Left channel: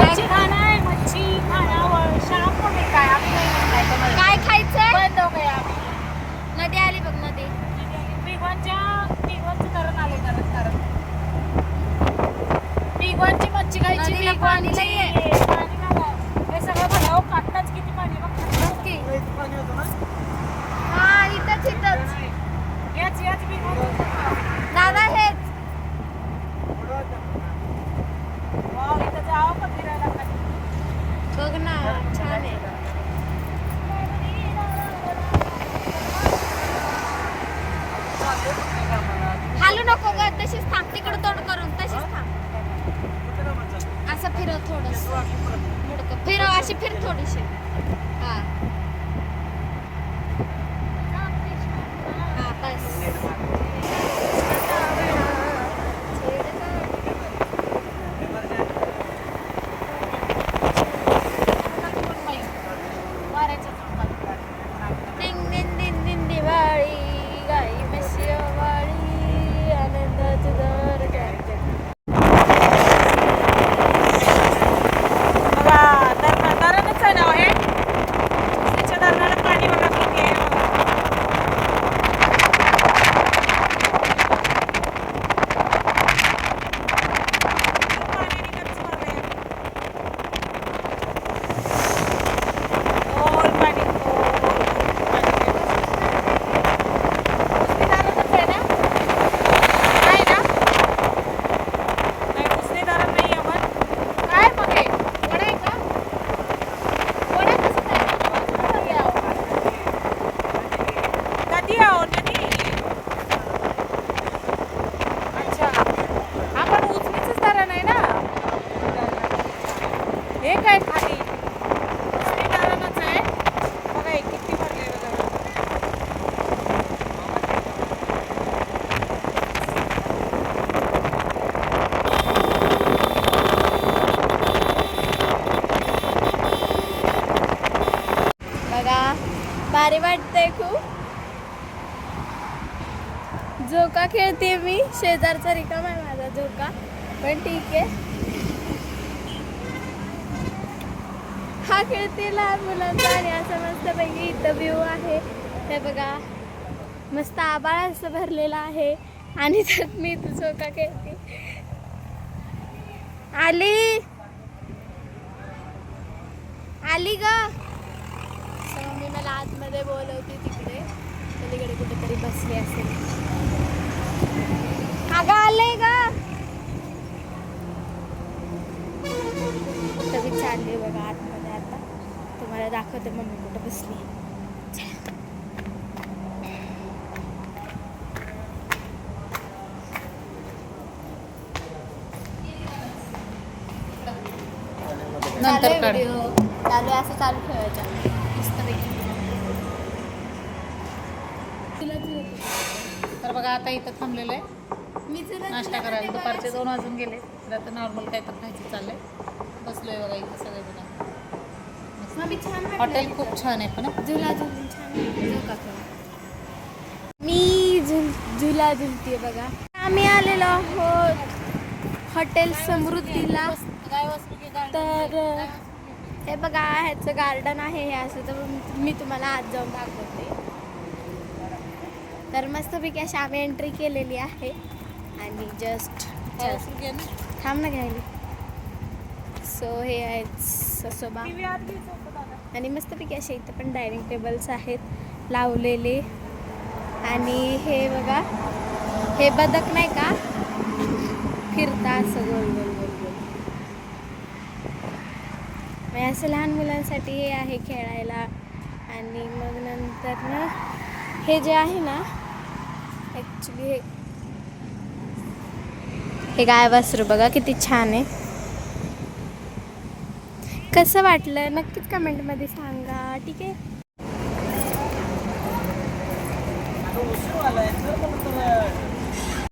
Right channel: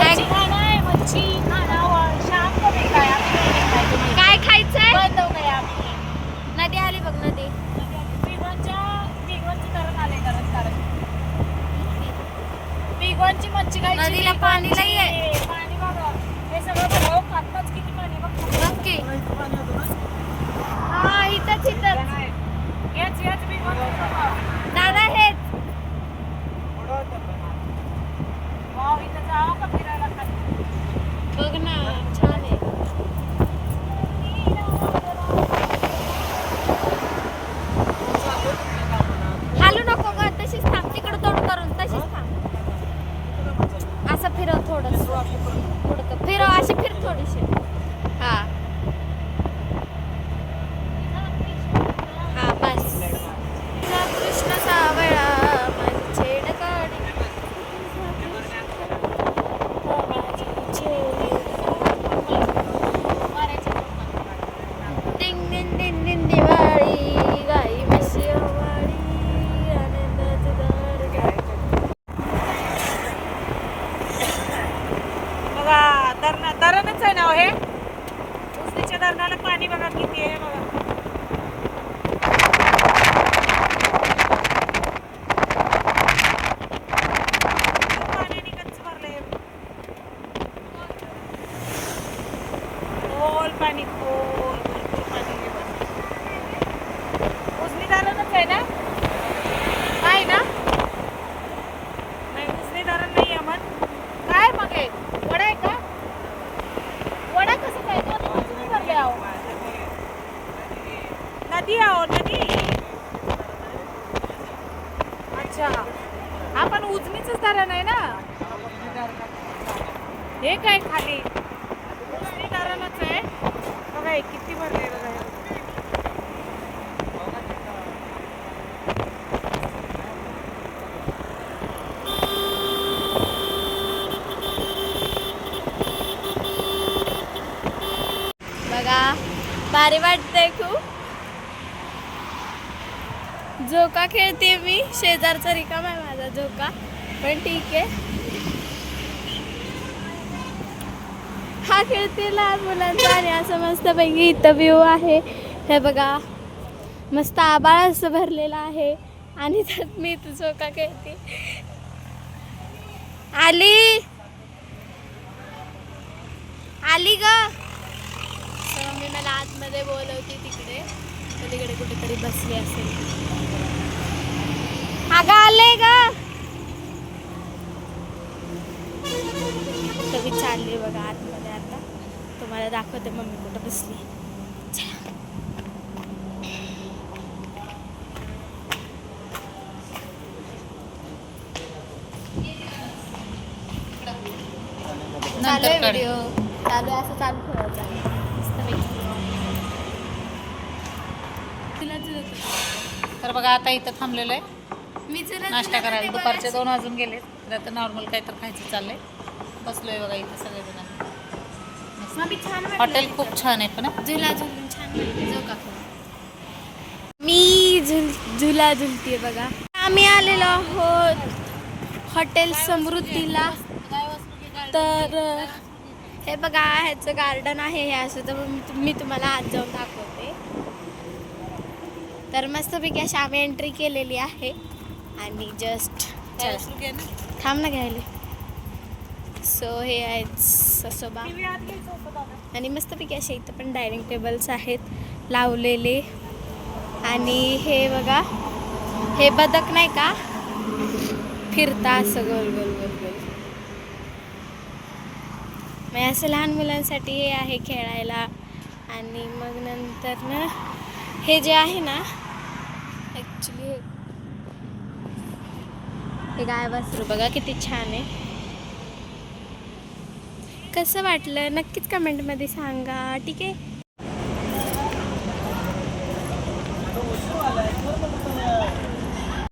मच्छी खाना मच्छी खाना शाम को मिलता है अभी नहीं मिलता तुम्हें काय खायचंय? बंद हो गया. नदी आली बघ नदी. पिगवानच्या पिगवानचं धरण आले करत करत पिगवानची मच्छी खायची नदीला पाणी पिगवानची. लई आहे. पाणी बघा हे सगळं भरलं हो, आत्ताच किती पाणी बघ नक्की हा इथंच इथंच याच याच पिगवान दादा हेच वाव इथं जावं का फिरायला खाली? बघ ना छान आहे हालू नको ग तशीच थांब तिकडे तोड करून तशीच थांब असं फिरव थोडस. फिरव अशी फिर थोडीशी. हा बस कृष्ण सावळा मंचेड गाणी. दिंग दिंग दिंग दिंग दिवाळी गाई म्हशी ओवाळी आनंदाची दर बघा धरण धरणच आहे ना हो हे उजनीच्या धरणाला पाणी बघा किती आहे बघा खूप पाण्याने गच्च भरलंय. खोल पाणी खोल पाणी आहे. उजनी धरणच आहे ना आहे ना नाही उजनी धरण नाही आहे मग काय मग हे वडा आहे का वडा कसं काय नदी आहो नदी आहो नदी अच्छा हा पण उजनीच धरण आहे ना हे काय खाली? उजनी आहे? बघा हे किती भरले बघा. बघा भारी वाटतंय खूप. झोका खेळते मी. शेजारचा रिकाम आहे माझा झोका. पण ठीक आहे. हा खेळते लहान मुलांचा आणि असं मस्त पैकी इथं व्ह्यू आहे. हे बघा मस्त आबाळ असं भरलेलं आहे. आणि त्यात मी इथं झोका खेळते. आली. आली ग. तर मम्मी मला आतमध्ये बोलवते तिकडे. पलीकडे कुठेतरी बसली असेल. अगं आले ग. तर मी बघा आतमध्ये. तुम्हाला दाखवते मम्मी कुठं बसली. चला. आहे व्हिडिओ चालू असं चालू ठेवायचा. तर बघा आता इथं थांबलेलो आहे. मी नाश्ता करायला. दुपारचे दोन वाजून गेले तर आता नॉर्मल काय तर खायचं चाललंय. बसलोय बघा इथं हॉटेल. खूप छान आहे पण. झुला झुलून छान. मी झुल झुला झुलते बघा. आम्ही आलेलो आहोत हॉटेल समृद्धीला. तर हे बघा ह्याचं गार्डन आहे हे असं तर मी- तुम्हाला आज जाऊन दाखवते. तर मस्तपैकी अशी आम्ही एंट्री केलेली आहे. आणि जस्ट थांब ना घ्यायला. सो हे आहेत ससोबा. आणि मस्तपैकी असे इथं पण डायनिंग टेबल्स आहेत लावलेले. आणि हे बघा हे बदक नाही का? फिरता असं गोल गोल गोल गोल. मग असं लहान मुलांसाठी हे आहे खेळायला. आणि मग नंतर ना हे जे आहे ना ॲक्च्युली हे हे गाय वासरू बघा किती छान आहे. कसं वाटलं? नक्कीच कमेंटमध्ये सांगा. ठीक आहे?